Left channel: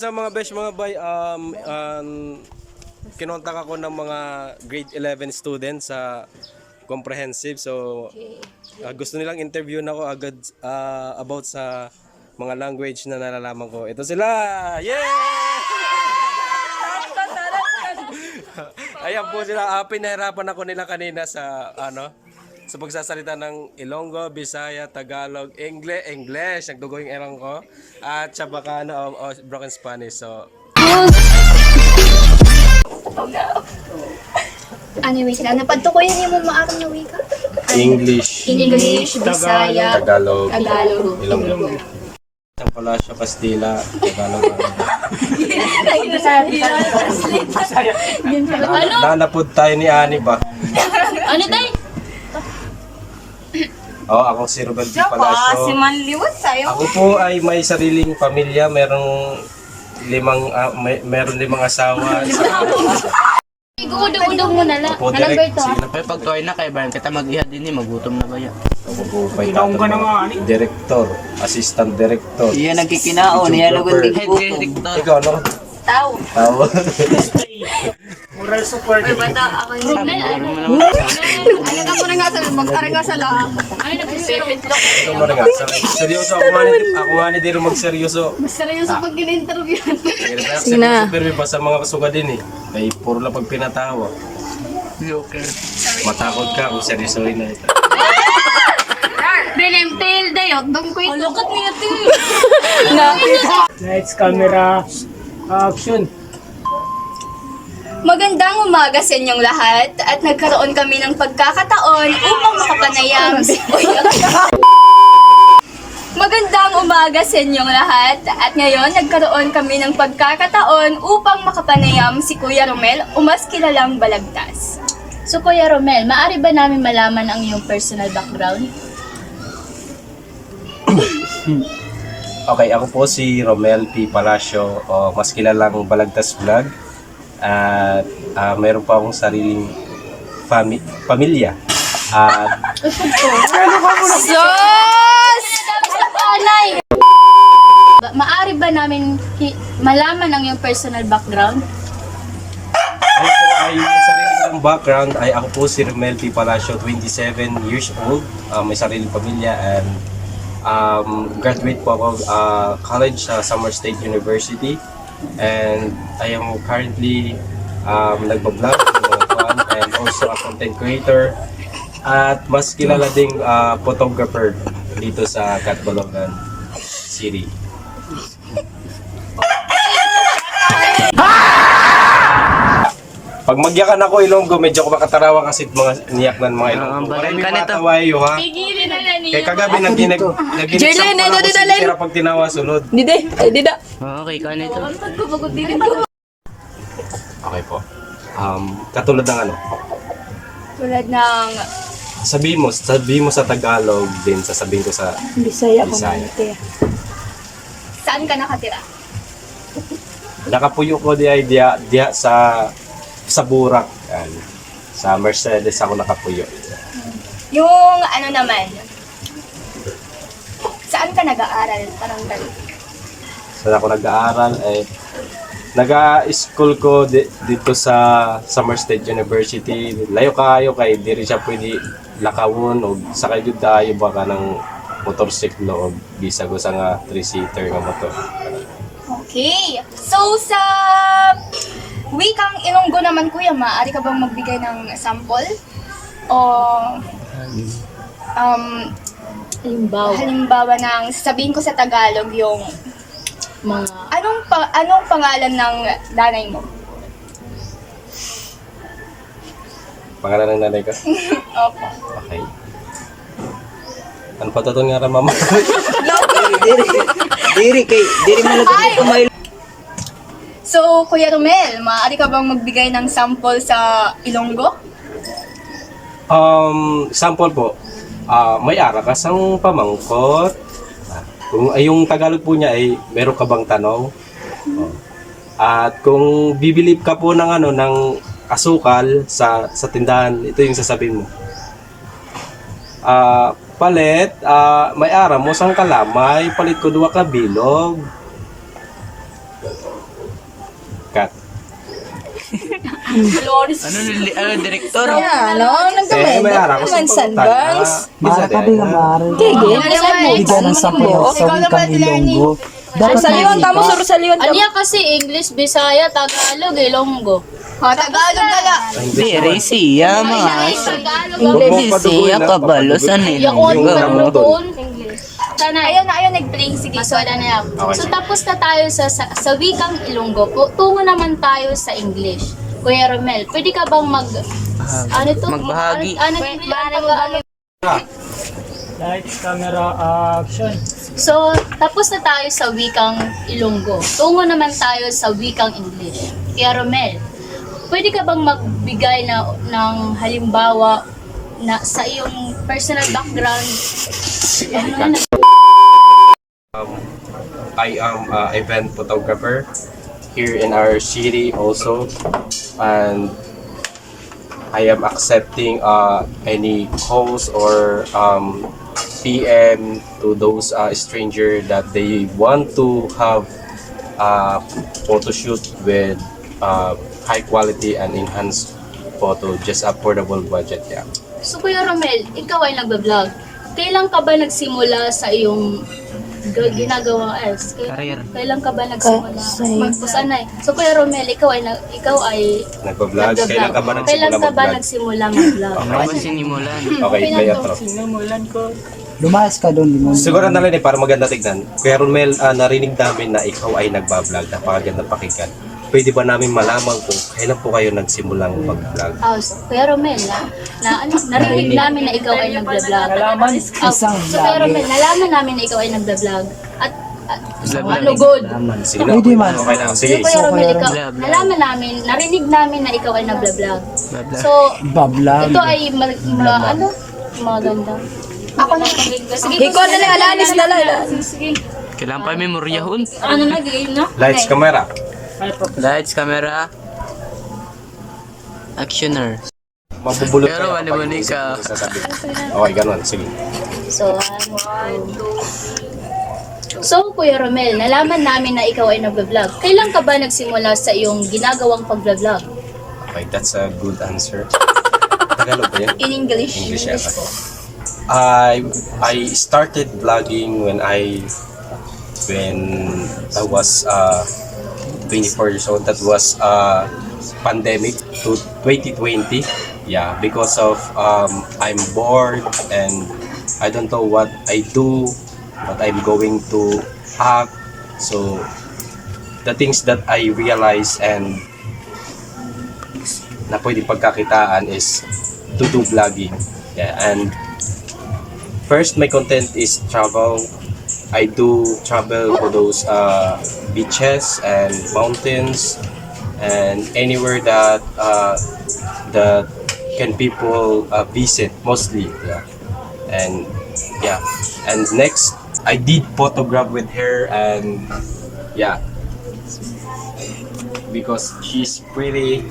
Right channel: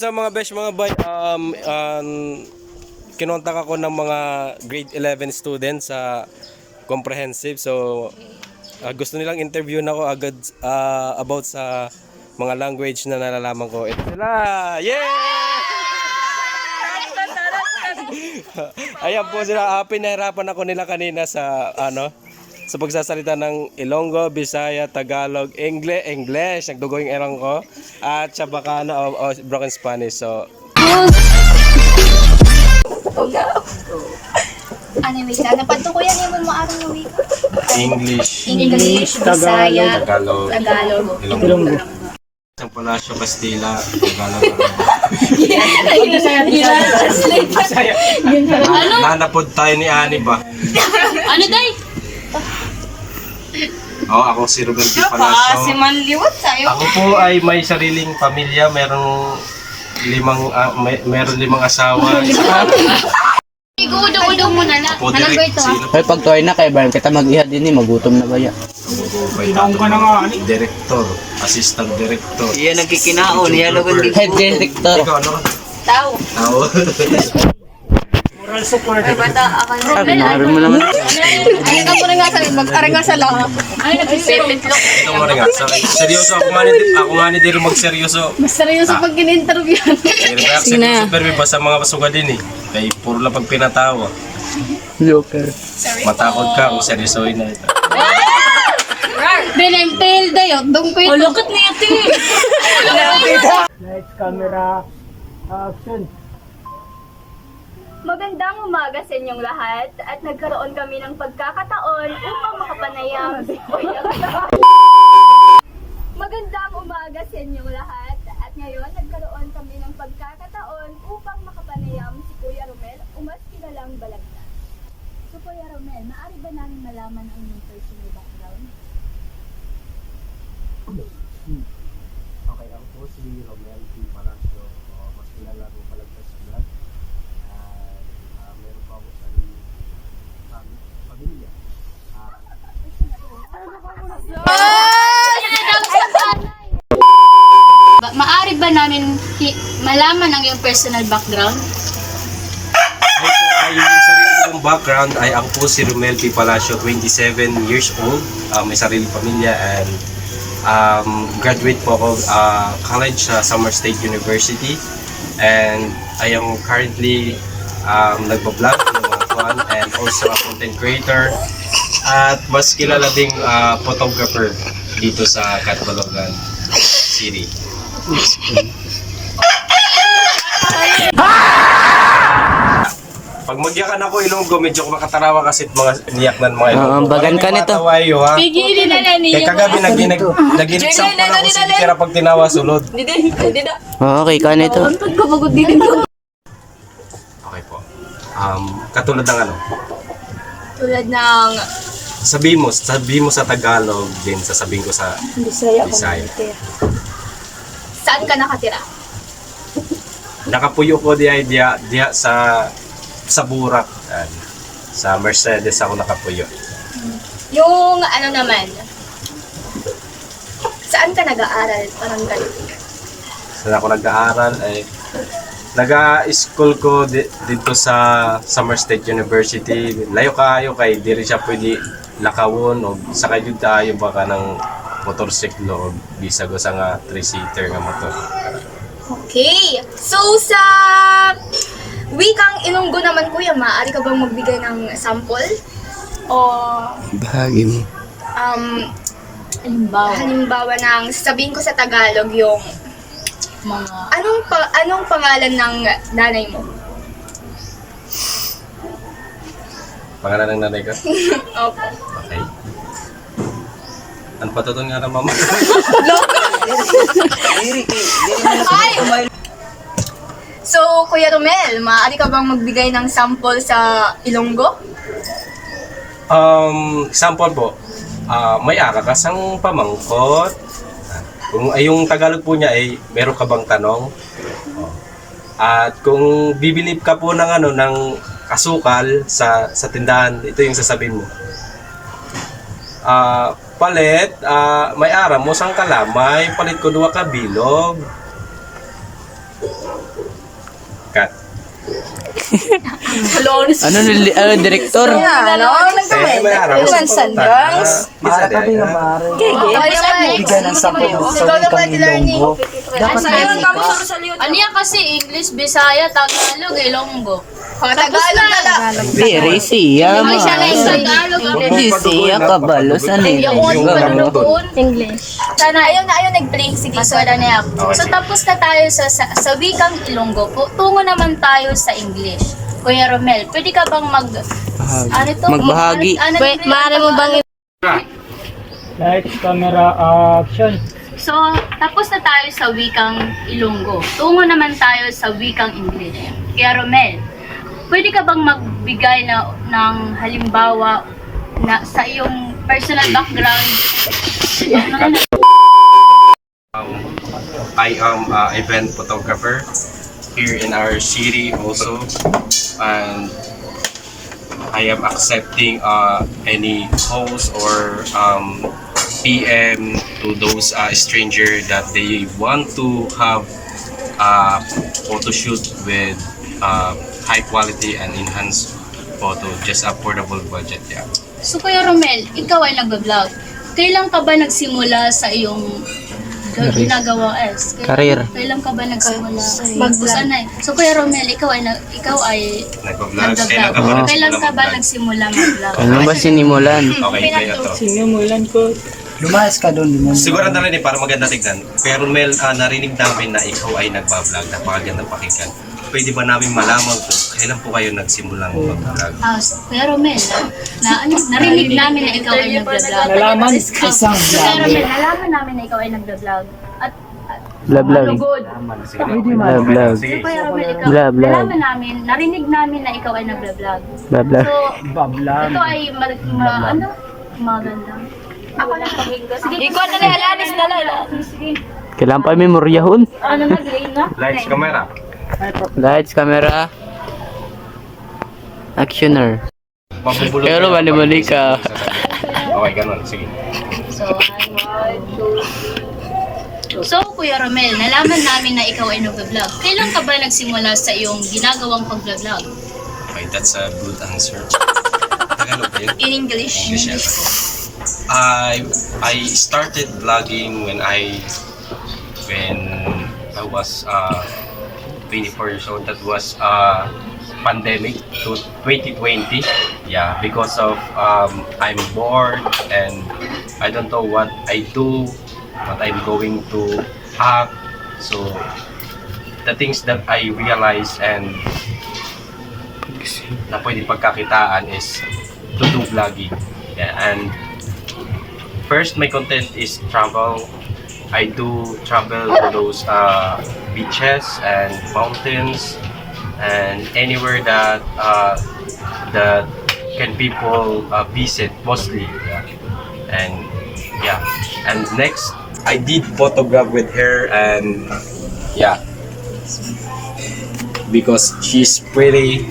Sa mga besh, mga boy, kinontak ako ng mga grade 11 students sa comprehensive. So, gusto nilang interview na ako agad about sa mga language na nalalaman ko. Ito sila! Yeah! Ayan po sila. Pinahirapan ako nila kanina sa sa pagsasalita ng Ilonggo, Bisaya, Tagalog, English, nagdugo yung erang ko, at Chabacano o broken Spanish. So, Anyway, napadto ko yan yung maarang na wika. English, Bisaya, Tagalog, Ilonggo. San Palacio, Castilla, Tagalog. Nanapod tayo ni Ani pa. Ano day? Ako si Ruben P. Palacio. Si Manliwat tayo. Ako po ay may sariling pamilya, meron limang asawa. Igudo-udo mo na lang. Opo, Halago ito ha. Ay, pag tuway na kayo, bayan kita mag-ihad din magutom na ba yan? Director, assistant director. Iya nagkikinaon, niya lugon di Head director. Ikaw ano ka? Tao. Tao. moral support. Ay bata, ako na. Sabi mo naman. Ay, ako na nga sa magtarang nga sa loob. Ay, nagsipitlok. Ito mo rin nga. Seryoso ako nga ni Dero magseryoso. Mas seryoso pag in-interview. Sige na. Super may basta mga pasuga din eh. Kaya puro lang pag pinatawa. Okay. Matakot ka kung seryosoin na ito. Benemtil dayo, dungpit. Look at me ito. Lights, camera, action. Magandang umaga sa inyong lahat at nagkaroon kami ng pagkakataon upang makapanayam Magandang umaga sa inyong lahat at ngayon nagkaroon kami ng pagkakataon upang makapanayam si Kuya Romel o mas kilalang Balagtas. So Kuya Romel, maaari ba namin malaman ang iyong personal background? Okay, ako po si Romel P. Palacio o mas kilalang Balagtas Vlog. At meron pa akong sariling pamilya. At Maaari ba namin malaman ang iyong personal background? ako po ay yung sarili kong background ay ako po si Romel P. Palacio, 27 years old. May sariling pamilya and graduate po ako college sa Samar State University. And I am currently nagbablog, fun, and also a content creator. At mas kilala ding photographer dito sa Catbalogan City. Pag magyakan ako Ilonggo, medyo ako makatarawa kasi mga niyaknan mga Ilonggo. bagan ka nito. Matawayo ha. Pigilin na na Kaya kagabi naginig sampo na ako si Tira pag tinawa sulod. Okay, ka nito. Okay po. Katulad ng ano? Tulad ng Sabi mo sa Tagalog din, sasabihin ko sa Bisaya. saan ka nakatira? Nakapuyo ko diya sa Burak. Sa Mercedes ako nakapuyo. Yung ano naman, saan ka nag-aaral? Parang ganun. Saan ako nag-aaral? Nag-school ko dito sa Samar State University. Layo kayo kay di rin siya pwede lakawon o sakay jud tayo baka ng motorsiklo o bisag sa nga 3-seater nga motor. Okay. So, sa wikang Ilonggo naman, Kuya, maaari ka bang magbigay ng sample? O Bahagi mo. halimbawa ng sabihin ko sa Tagalog yung Mga anong pangalan ng nanay mo? Pangalan ng nanay ko? Opo. Okay. Ano pa to nga mama? Diri mo Ay! So, Kuya Romel, maaari ka bang magbigay ng sample sa Ilonggo? Sample po. May ara ka sang pamangkot. Kung ay yung Tagalog po niya ay meron ka bang tanong? At kung bibilib ka po ng ng asukal sa tindahan, ito yung sasabihin mo. Palit, may ara mo sang kalamay, palit ko 2 ka bilog. Cut. Ano, direktor? May araw ko sa pagkakas. Bisa din. Bigyan ng sample ng sa wikang Ilonggo. Dapat may Ano yan kasi English, Bisaya, Tagalog, Ilonggo. Very siya, Ay, siya na mas. yung Tagalog. Hindi siya kabalo sa nilonggo. English. Sana, ayaw nag-play. Sige, so, Maswala na ako. Okay, So sige. tapos na tayo sa wikang Ilonggo po. Tungo naman tayo sa English. Kuya Romel, pwede ka bang ano to? Magbahagi. Maaari mo bang Lights, camera, action. So, tapos na tayo sa wikang Ilonggo. Tungo naman tayo sa wikang English. Kuya Romel, pwede ka bang magbigay ng halimbawa na sa iyong personal background? I am event photographer here in our city also, and I am accepting any calls or PM to those stranger that they want to have photo shoot with high quality and enhanced photo, just affordable budget. Yeah. So, Kuya Romel, ikaw ay nagbablog. Kailan ka ba nagsimula sa iyong ginagawa Career. Kailan ka ba nagsimula? Magbusanay. So, Kuya Romel, ikaw ay Nagbablog. Kailan ka ba nagsimula Kailan ka ba mag-vlog? nagsimula mag-vlog? Ano ba sinimulan? Okay, play ito. Sinimulan ko. Lumayas ka doon, limon. Siguro na rin para maganda tignan. Pero Mel, narinig namin na ikaw ay nagbablog. Napakaganda pakinggan. Pwede ba namin malaman kung kailan po kayo nagsimulang mag-vlog? So, Kuya Romel, narinig namin na ikaw ay nagbablog. Nalaman, Isang So, Kuya vlog. Romel, nalaman namin na ikaw ay nagbablog. At Vlog. malugod. Sige na. Pwede man. Okay na. Sige. Kuya Romel, ikaw, Vlog. nalaman namin, narinig namin na ikaw ay nagbablog. Blabla. So, Bablag. ito ay maganda. Ako na sige. Ikaw na lang, alanis na lang. Sige. Kailan pa memoryahon? Ano na, game na? Lights, camera. Lights, camera. Actioner. Mabubulot Pero kayo mali-mali kapag ka. isasabi. Okay, ganun. Sige. So, Kuya Romel, nalaman namin na ikaw ay nagbablog. Kailan ka ba nagsimula sa iyong ginagawang pag-vlog? Okay, that's a good answer. Tagalog ba yun? In English. English yata. I started vlogging when I was 24 years old. That was pandemic to 2020. Yeah, because of I'm bored and I don't know what I do, what I'm going to act. So the things that I realized and na pwede pagkakitaan is to do vlogging. Yeah, and first my content is travel. I do travel to those beaches and mountains and anywhere that can people visit mostly. Yeah. And next I did photograph with her, and yeah, because she's pretty.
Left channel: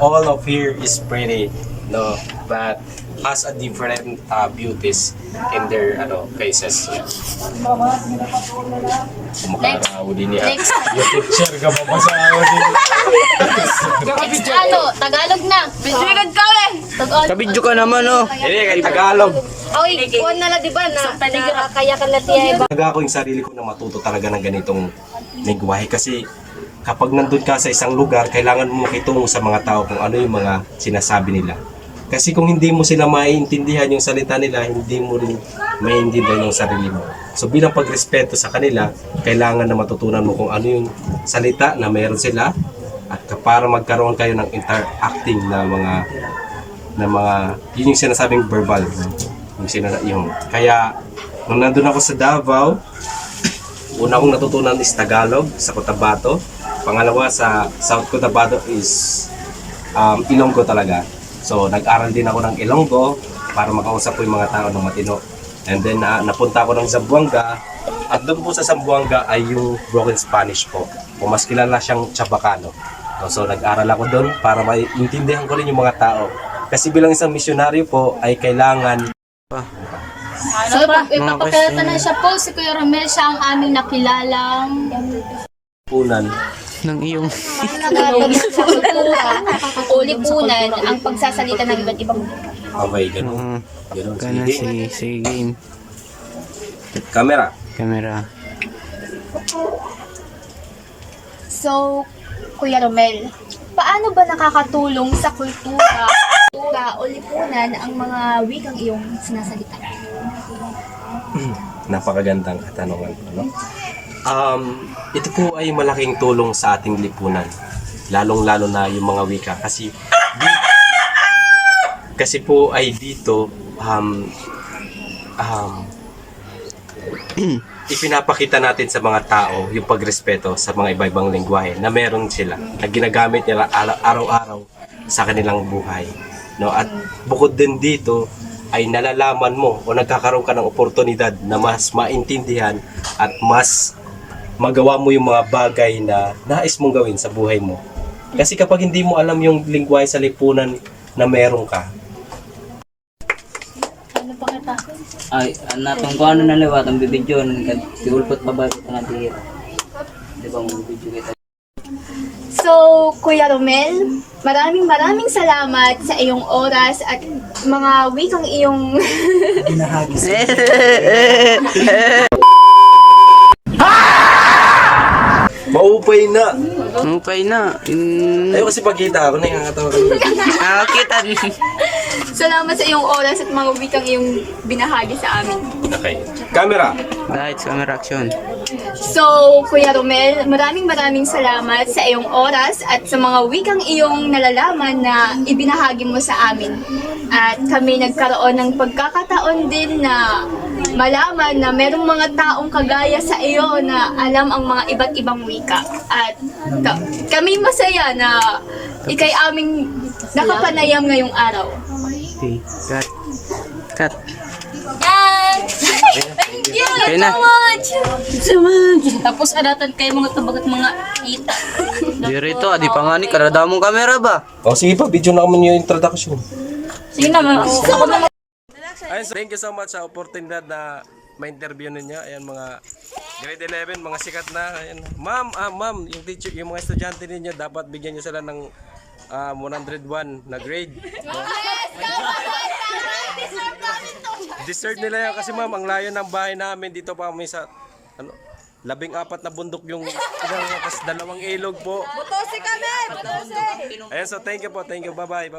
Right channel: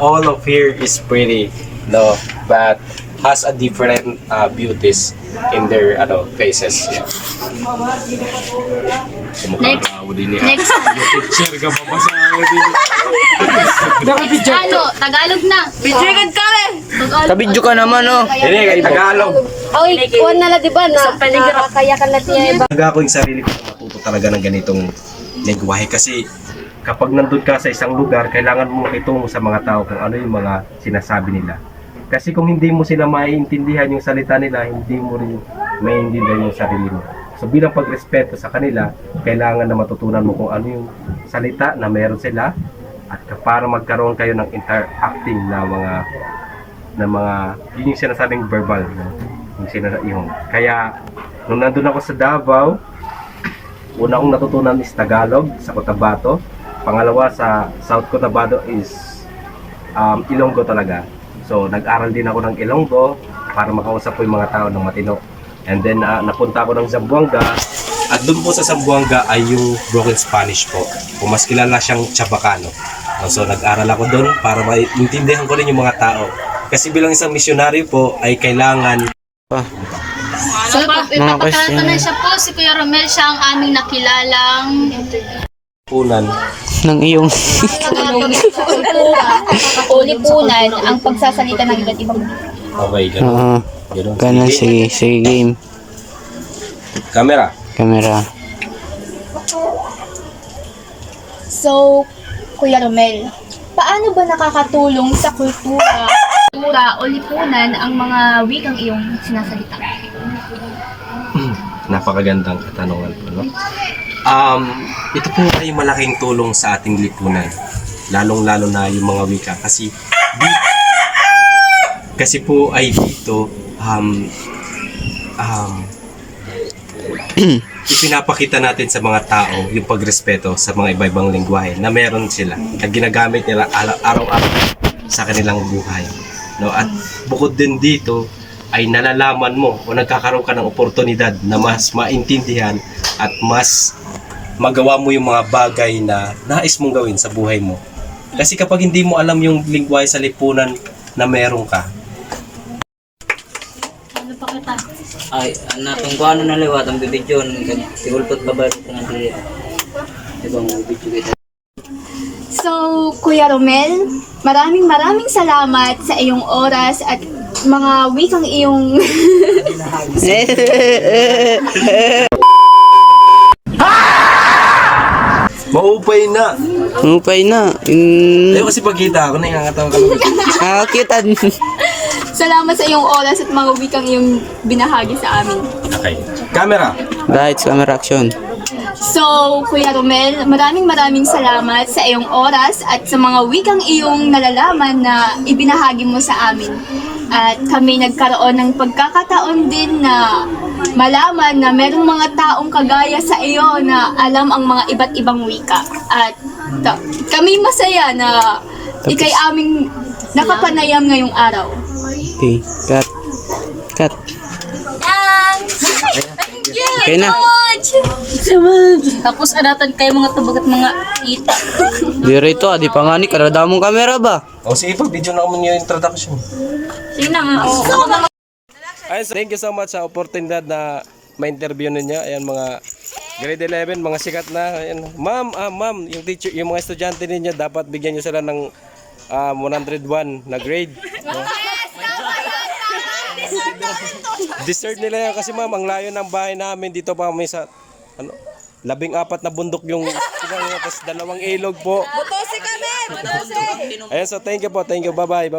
All of here is pretty, no, but has a different beauties in their faces. Yeah. Kumakaraw din niya. Next. Share ka pa sa ako din. Tagalog na. Bitrigad kami! Kabidyo ka naman, oh. Hindi, Tagalog. Oy, kuwan na lang, di ba? Nakakaya ka na tiya. Talaga ako yung sarili ko na matuto talaga ng ganitong lengguwahe kasi kapag nandun ka sa isang lugar, kailangan mo makitungo sa mga tao kung ano yung mga sinasabi nila. Kasi kung hindi mo sila maiintindihan yung salita nila, hindi mo rin maiintindihan yung sarili mo. So bilang pagrespeto sa kanila, kailangan na matutunan mo kung ano yung salita na meron sila at para magkaroon kayo ng interacting na mga yun yung sinasabing verbal, no? Yung kaya nung nandun ako sa Davao, una kong natutunan is Tagalog sa Cotabato. Pangalawa sa South Cotabato is Ilonggo talaga. So nag-aral din ako ng Ilonggo para makausap ko yung mga tao ng matino. And then napunta ako ng Zamboanga at doon po sa Zamboanga ay yung broken Spanish po. Kung mas kilala siyang Chabacano. So nag-aral ako doon para maintindihan ko rin yung mga tao. Kasi bilang isang misyonaryo po ay kailangan So, ipapakilala ko na siya po. Si Kuya Romel, siya ang aming nakilalang lipunan. Ng iyong... Nakakatulong sa kultura o lipunan ang pagsasalita ng iba't ibang wika. Okay, ganun. Oo. Ganun. Ganun, sige. Sige, game. Camera. Camera. So, Kuya Romel, paano ba nakakatulong sa kultura o lipunan ang mga wikang iyong sinasalita? Napakagandang katanungan po, no? Ito po ay malaking tulong sa ating lipunan. Lalong-lalo na yung mga wika. Kasi po ay dito, ipinapakita natin sa mga tao yung pagrespeto sa mga iba-ibang lengguwahe na meron sila at ginagamit nila araw-araw sa kanilang buhay, no? At bukod din dito ay nalalaman mo o nagkakaroon ka ng oportunidad na mas maintindihan at mas magawa mo yung mga bagay na nais mong gawin sa buhay mo. Kasi kapag hindi mo alam yung lengguwahe sa lipunan na meron ka, Ay, natong ko ano na lewat ang bibidyo sigulpot pa ba ito nga di diba mo bibidyo kita. So, Kuya Romel, maraming salamat sa iyong oras at mga wikang iyong maupay na. Mupay na. Ayaw kasi pagkita ako, nangangatawa ka lang. Nakakita. salamat sa iyong oras at mga wikang iyong binahagi sa amin. Okay. Camera. Lights, camera, action. So, Kuya Romel, maraming salamat sa iyong oras at sa mga wikang iyong nalalaman na ibinahagi mo sa amin. At kami nagkaroon ng pagkakataon din na malaman na merong mga taong kagaya sa iyo na alam ang mga iba't ibang wika. At kami masaya na ikay aming nakapanayam ngayong araw. Okay, cut. Cut. Okay na. Tapos adatan kayo mga tubag at mga kita. Di rito, di pa nga ni karada mong camera ba? O sige pa, video na kami yung introduction. Sige naman. Ayun, thank you so much sa oportunidad na ma-interview ninyo. Ayan, mga grade 11, mga sikat na. Ayan. Ma'am, yung teacher, yung mga estudyante ninyo, dapat bigyan nyo sila ng 101 na grade. No? Deserve nila yan kasi ma'am, ang layo ng bahay namin dito pa kami sa 14 na bundok yung tapos 2 ilog po. Butosi kami! Butosi! Ayan, so thank you po. Thank you. Bye-bye.